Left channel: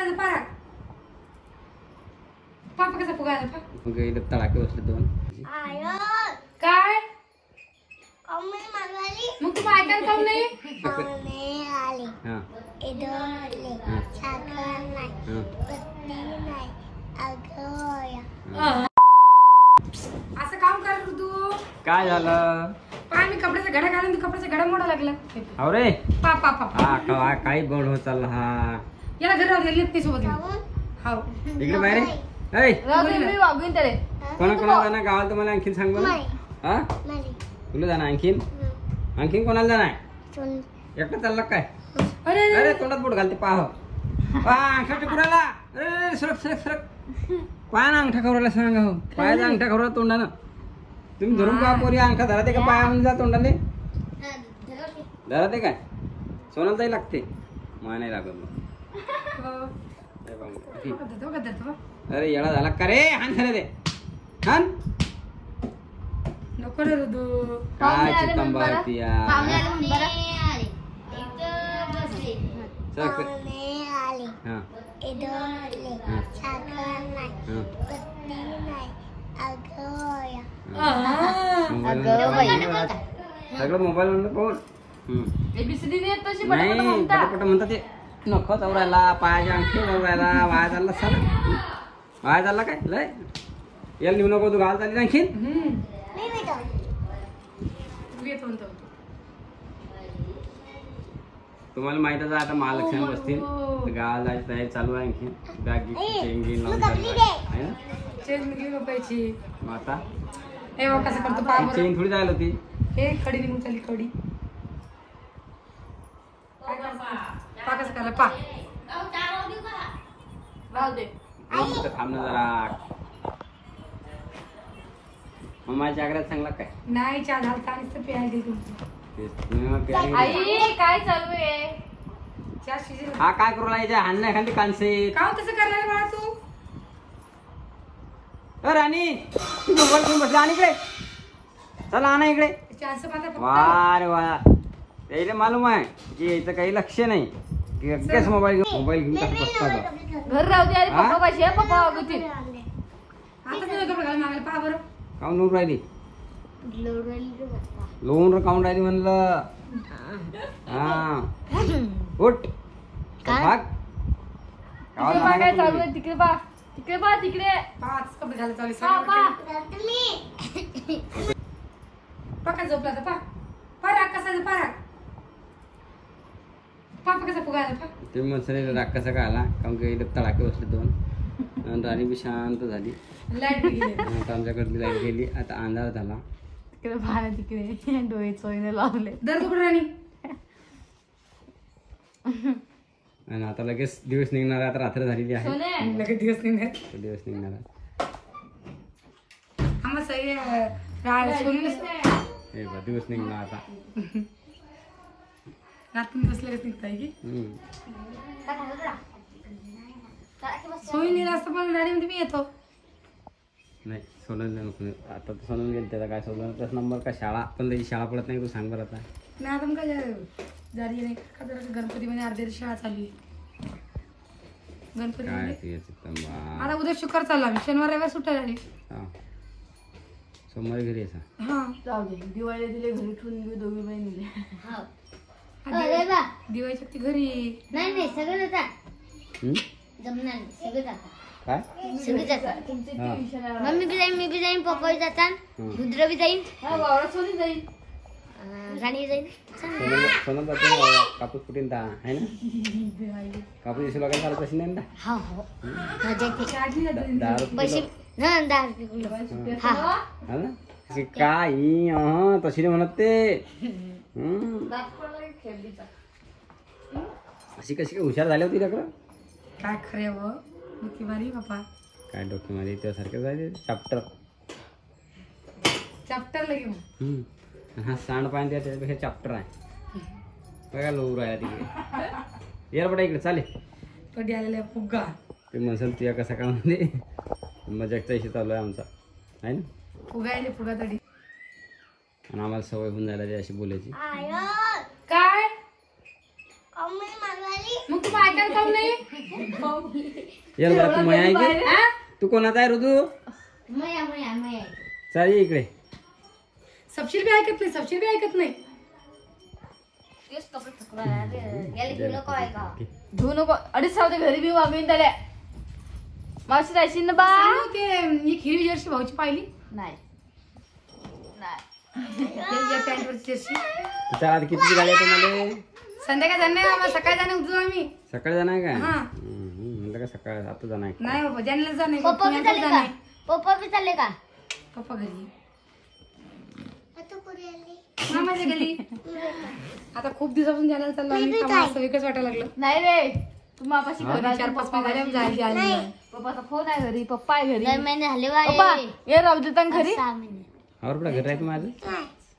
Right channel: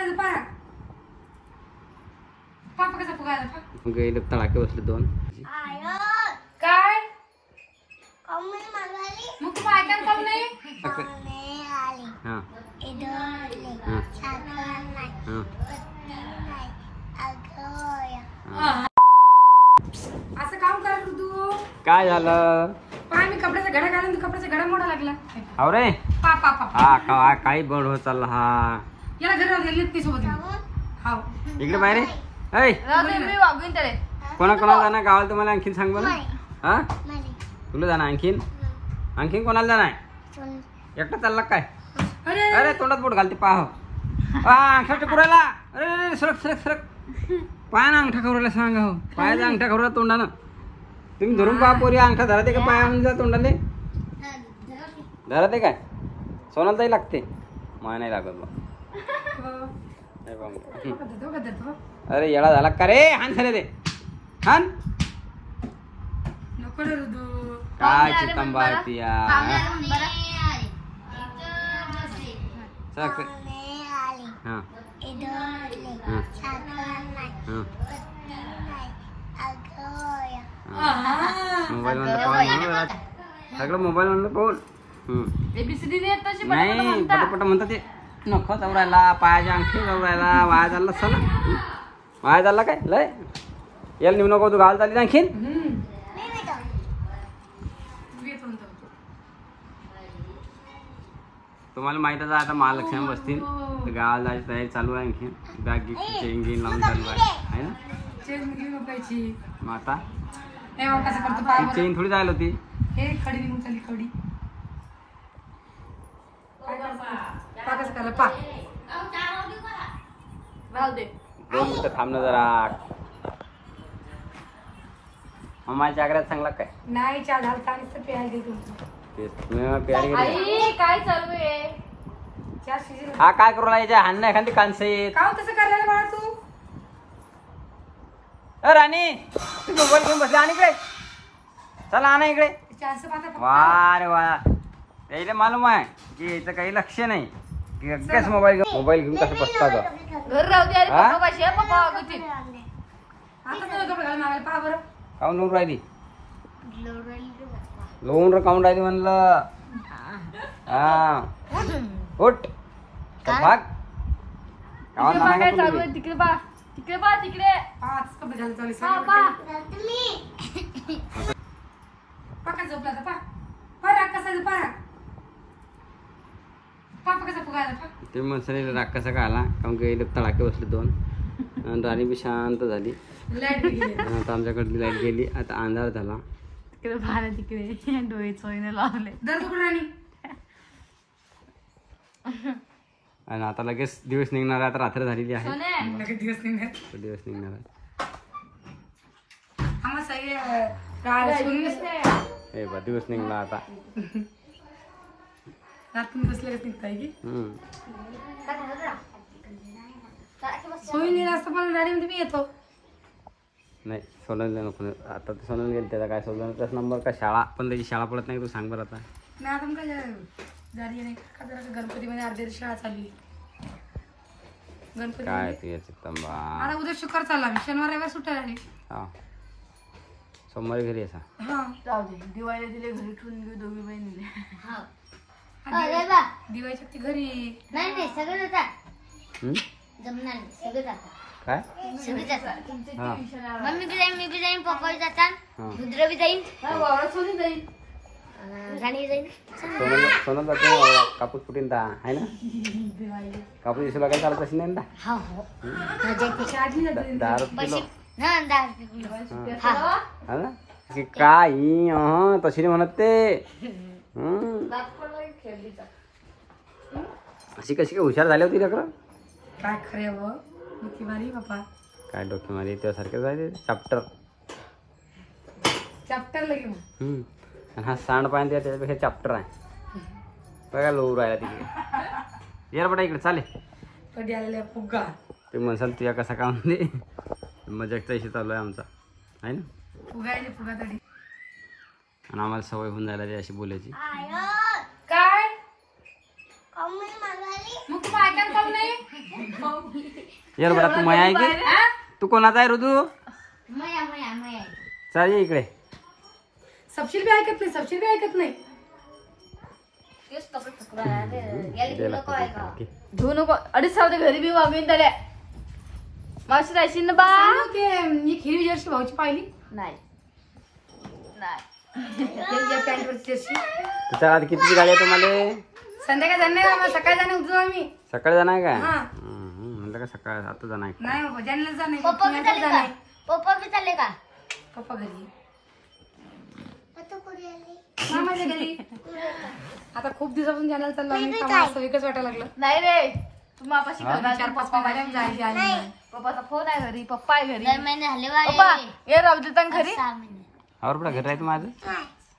कसा पारा पापा कसा फुगायला मग इथे तडाके बसले दोन काय मग तू ऐकायला काऊन नाही असं काम कर तू काय झालं पाय मी कपड्याचा घडा घालून तू कपड्याचा घडा मोडा लागला हो रे पापा हा काही बड होत चालला हा याला घर गेली ते सोबत हाव इकडे बाहेर वागून त्याला कोणा जाणार गावाला तुम्हाला आणखीन सांग मला हा तुला जाणार आणखीन कोणाला जाणार एकटा चालला काय अरे तोंडात बोट घालते पाह अंगठा पुरायला अरे सरक पाय ना अंगठा खवरायला सांगा हो पायाचा अंगठा खवरा तोंडाला तुम्ही धरून पहा पोरी अंगठा धरा का पाया जा तोंडाले धरा ते काय सोनाला ताई लागते माय नाही लागत अरे येडा झाला का रे हान खरे ते हान नको रे रुदू काय चिकन बारती सगळं मोबाईल म्हणलं कोण नाही पटापट म्हणतात ते नख चौरायला पायाच्या अंगठी चौरायला वाया झाला सला वाया झाला काय लय याला नेऊ नको तू घाल चालली आणखीन तुम्हाला माहितच आहे आता महालक्ष्मी बसतील गावाला जायची तयारी चालू आहे आणखी बॅग चेन लावून चालू आहे ना मग आता चेन थोडी जायला होती हे खडी निघून चालली खडी थांब ना जरा माझ्या आग्र्यात चांगला काय नाही चहा घालता आणि काय चालू आहे हा काय करू लागायच्या हान नाही एखादी कांसे का तसं करायला मला तू राणी तू मोबाईल घेऊन बसला आणि इकडे चला आणा इकडे वा रे वा त्याला मालूम आहे की याचं काही लक्ष नाही की मोबाईल घेऊन कसं बसता काऊन लोन राहिली लोन काऊन राहिली म्हणलं हा उठ भाग तिकडे बा तिकडे बा तिकडे पाका झोपला तर पारा कसा पापा कसा फुगायला ते मसाले राग कसा का आला कारण की तडाके बसले दोन आणि राणी बी शांत झाली आता आमच्याकडे लाईट गेली आता अंधार झाला तिकडे डोळे चोईने लावले राणी आणि आता लगेच दिवस निघणार आहे आता रात्र झालेली आहे लगेच दिवस निघणार दिवस निघला आता रात्री बसलेच निघताय की सोयी असतं पण गाडीमध्ये मी येतो नाही सोनलला नको आता तर सोनल गेल त्याचा काय सोनलचाच नंबर का शाळा पण त्याची शाळा पडत नाही तू सांग बरं आता नाही आता मग काय झाली नाही गणपतीमध्ये अर्ध्या शाळा चालली गणपती काय आता उद्या शुक्रवार चालला शनिवार रविवार सुट्ट्या झाली सोमवारी घरी असा हा दिवाळीला दिले घरी ठेवून घेऊ दोघी बहिणी दिवाळीच्या ती घरी नाही सगळं मम्मी बी जाईन मी बी जाईन पप्पा बी जातात रुद्र बी जाईन राणी जाईन सोनम कापूस फुटीन आहे ना कापूस दिवशी बघायला चालत असेल नाही ना हो पैसे ना 10 रुपये किलो काय तशी म्हणत ते अशी कशी काय हुशार झाली होती का काय खरे व डोकी मारी बापा काय डोकी मारी त्यासारखं जायचे चॅप्टर लगे हा सांड पाहिजे त्याच्यापेक्षा चॅप्टर आहे बघा लोर राहिला तिकडे यार बटा इकडे चालेल कधी आलेला फुगा ते म्हणसाल तुझ्या कसा काम दे मजाकचा इशू चालू आहे आमचा आहे ना फुगा आहे फुगा तडी आणि आम्हाला सवय होऊन जायला अशी बोलायची काय मग तू ऐकायला काऊन नाही ये बघा तू मया आहे की तू कोणाचा आहे ऋतू चाल ये इकडे सबशील बी ऐकत नाही सबशील बी ऐकत नाही धुवू नको 2.5 घरी बी मागून त्याला मावशी राहायची ना बा ही खिरी जर्सी भाऊची पाहिली नाही तुझ्या आधी किती गाडी आहे तुम्हाला संध्याकाळी जाणार आम्हाला सकाळी जाणार उठतो आम्ही सकाळी जाणार आहे काय म्हणलं का सकाळी आता जाणार आहे नाही बाबा ज्यांना जाणार पप्पा बी चालले का पप्पा घरी मामाच्या घरी आता खूप दिवसापासून जाणार चाललं एकच वाटायला लागलं नाही रे तू मापाशी 4-5 महिने जायची आली नाही पप्पाचा फोन आहे घरी पप्पा आहे घरी 9 महिने झाले पप्पा ये राहू देता घरी 6 महिने और बडा घर राहत माझं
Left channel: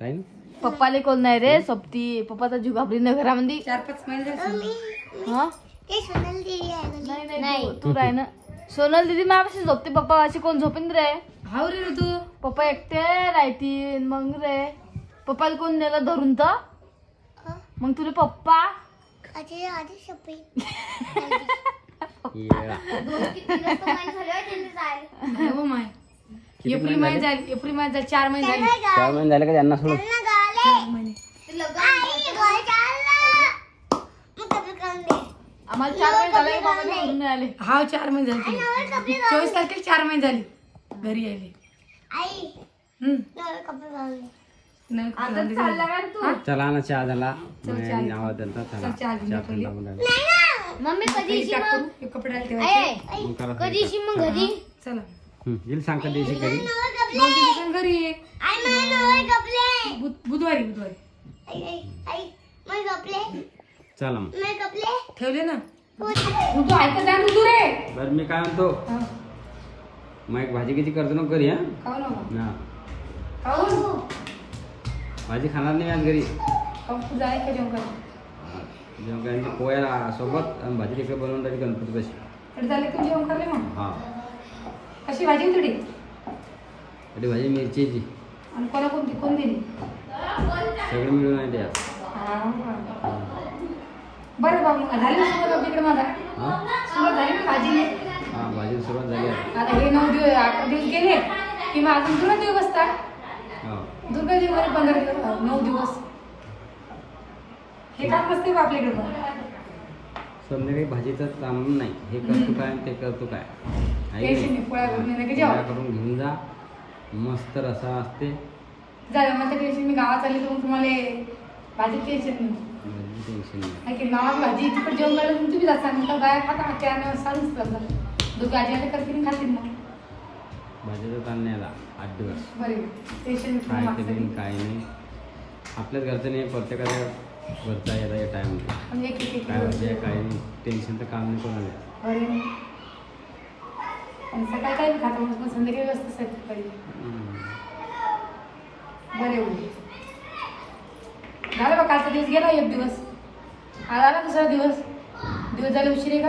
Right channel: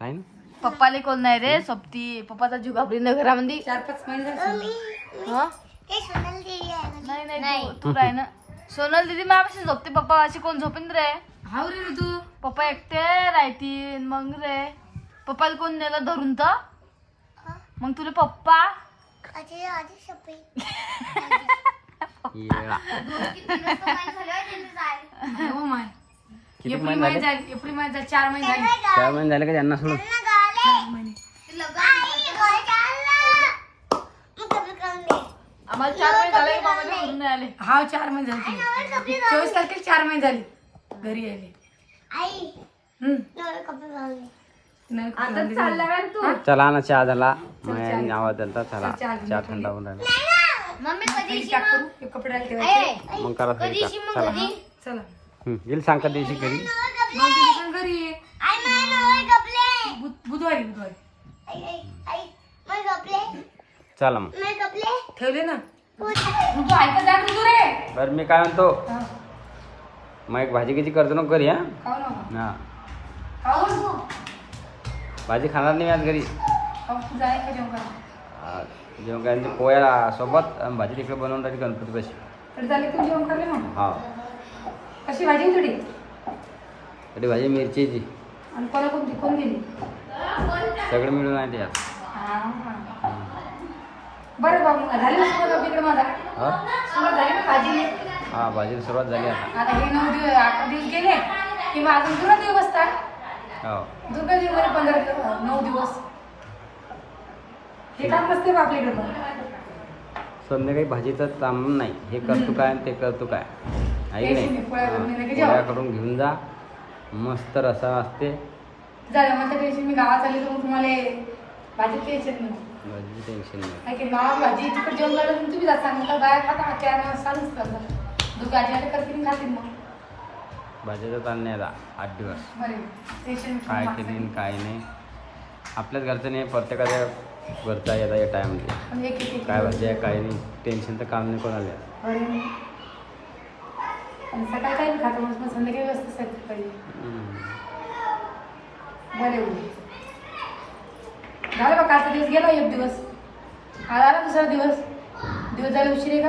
टाइम पप्पाले कोण नाही रे सोबती पप्पाचा जीव घाबरी न घरामध्ये 4-5 महिने नाही तू राह ना सोनल दीदी माझ्यापाशी झोपते पप्पा अशी कोण झोपेन रे हाव रे तू पप्पा एकटे राहतील मग रे पप्पाला कोण नेलं धरून तर मग तुला पप्पा एप्रिल महिने झाली 4 महिने झाले का त्यांना सोडून आम्हाला 4 महिने झाले हा 4 महिने झाले 24 तारखेला 4 महिने झाले घरी यायले चला ना चहा झाला आवाज दिला चला चहा थंड होऊन कपडे मग करा चला येईल सांग का दिवशी घरी घरी बुधवारी चला मग ठेवले ना तू ऐकत जा तू रे बरं मी काय म्हणतो मग एक भाजी किती करतो नको घरी हा भाजी खाणार नाही आज घरी जेवण काय पोळ्या सोबत भाजी तिकडे बनवून राहिली गणपती कशी हा कशी भाजी थोडी तरी भाजी मिरचीची आणि कोणा कोणती कोण दिली सगळं मिळून आहे ते बरं बाबा झाली ना तिकडे माझा सुरुवात झाली ना भाजी हा भाजी सुरुवात झाली आता हे 9 दिवस 8 दिवस गेले की मग अजून दुर्गा दिवस बसतात दुर्गा दिवस 15 दिवस 9 दिवस हे काम नसते आपल्या डोकं संध्याकाळी भाजीचं काम नाही हे करतो काय ते करतो काय पोळ्या करून घेऊन जा मस्त रसा असते झालं मग टेन्शन मी गावात आली तर तुम्हाला भाजी टेन्शन नाही भाजी टेन्शन नाही गावात भाजी तिकडे जेवण झालं तुम्ही जात सांगता बाया खाता त्या चालूच करतात दुर्गा आजी करतील खातील मग भाजीचा ताण नाही आला 8 दिवस टेन्शन काय केली काय नाही आपल्याच घरचं नाही प्रत्येकाच्या घरचा येता या टाइममध्ये काय भाजी आहे काय नाही टेन्शनचं काम नाही कोणाला सकाळी काही खातो मग संध्याकाळी व्यवस्थित पाहिजे बरे झालं बघ कालचा दिवस गेला 1 दिवस आज आला दुसरा दिवस झाले उशीर आहे का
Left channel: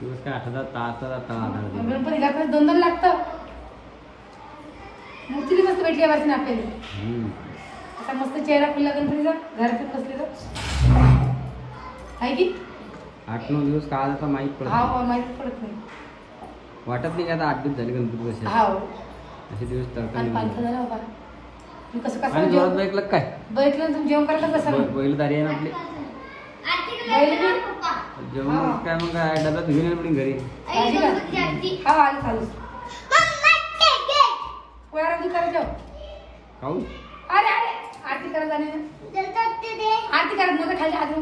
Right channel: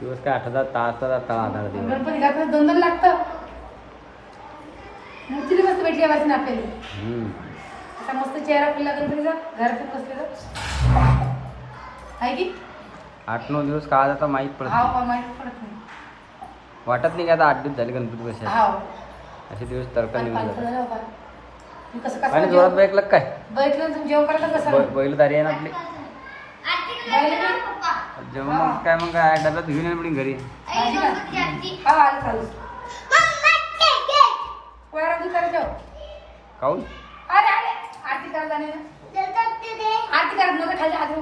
दिवस काय 8 तास गणपती घालताना 2 लागतं मूर्ती मस्त भेटली वाटते ना आपल्याला असा मस्त चेहरा फुलला गणपतीचा घरातून बसलेला आहे की 8-9 दिवस का जाता माहीत पडत माहित पडत नाही वाटत नाही का आता 8 दिवस झाले गणपती कसे असे दिवस तरका निघून जोरात बैठलं काय बैठलं तुम्ही जेवण करता कसं बैलदारी आहे ना आपली जेवण काय मग काय डब्यात घेऊन येईल घरी काऊन आरती करत जाणे आरती करत नव्हतं खाली अजून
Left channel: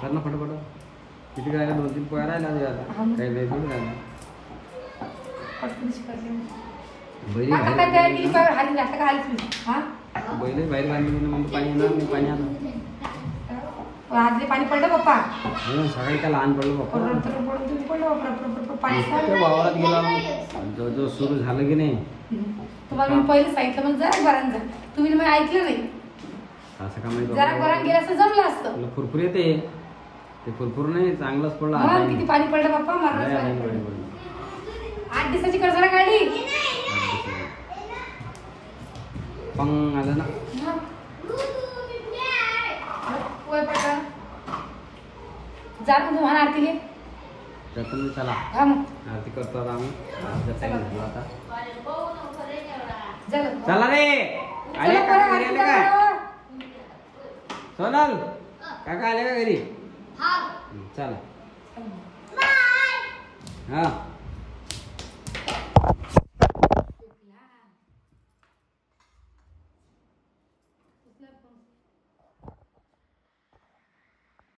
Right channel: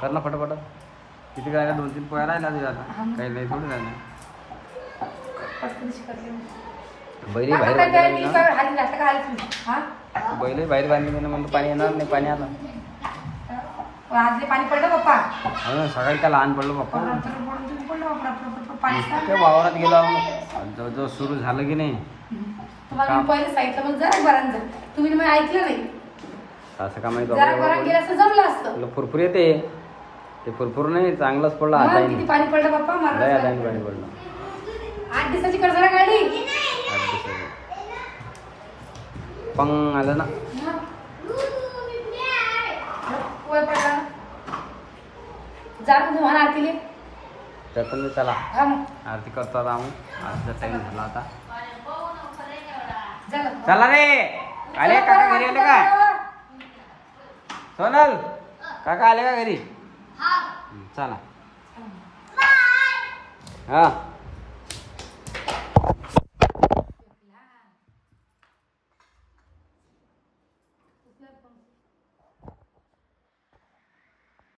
कर ना फटाफट किती काय 2-3 पोळ्या राहिल्या काही लय थोडी राहिल्या बैल बाहेर बांधली मग पाणी येणार नाही पाणी आलं पाणी पडलं पप्पा सकाळी काय लहान पडलं पप्पा वावरात गेलो जवळजवळ सुरू झालं की नाही तुम्हाला मी पहिलं सांगितलं मग जरा बरांच तुम्ही मग ऐकलं नाही असं का माहिती जरा बरांग गेलं असं जमलं असतं फुरफुर येते ते फुरफुर नाही चांगलंच पडलं आता किती पाणी पडलं पप्पा मला पाणी पडलं 8 दिवसाची कर्जला काढली पंग आलं ना जा तुम्हाला आरतीले तर मी चला हा मग आरती करतो आता आम्ही आरतीचा टाइम झाला आता चला चला रे आले काका घरी आले काय सोनल काका आले का घरी चला हा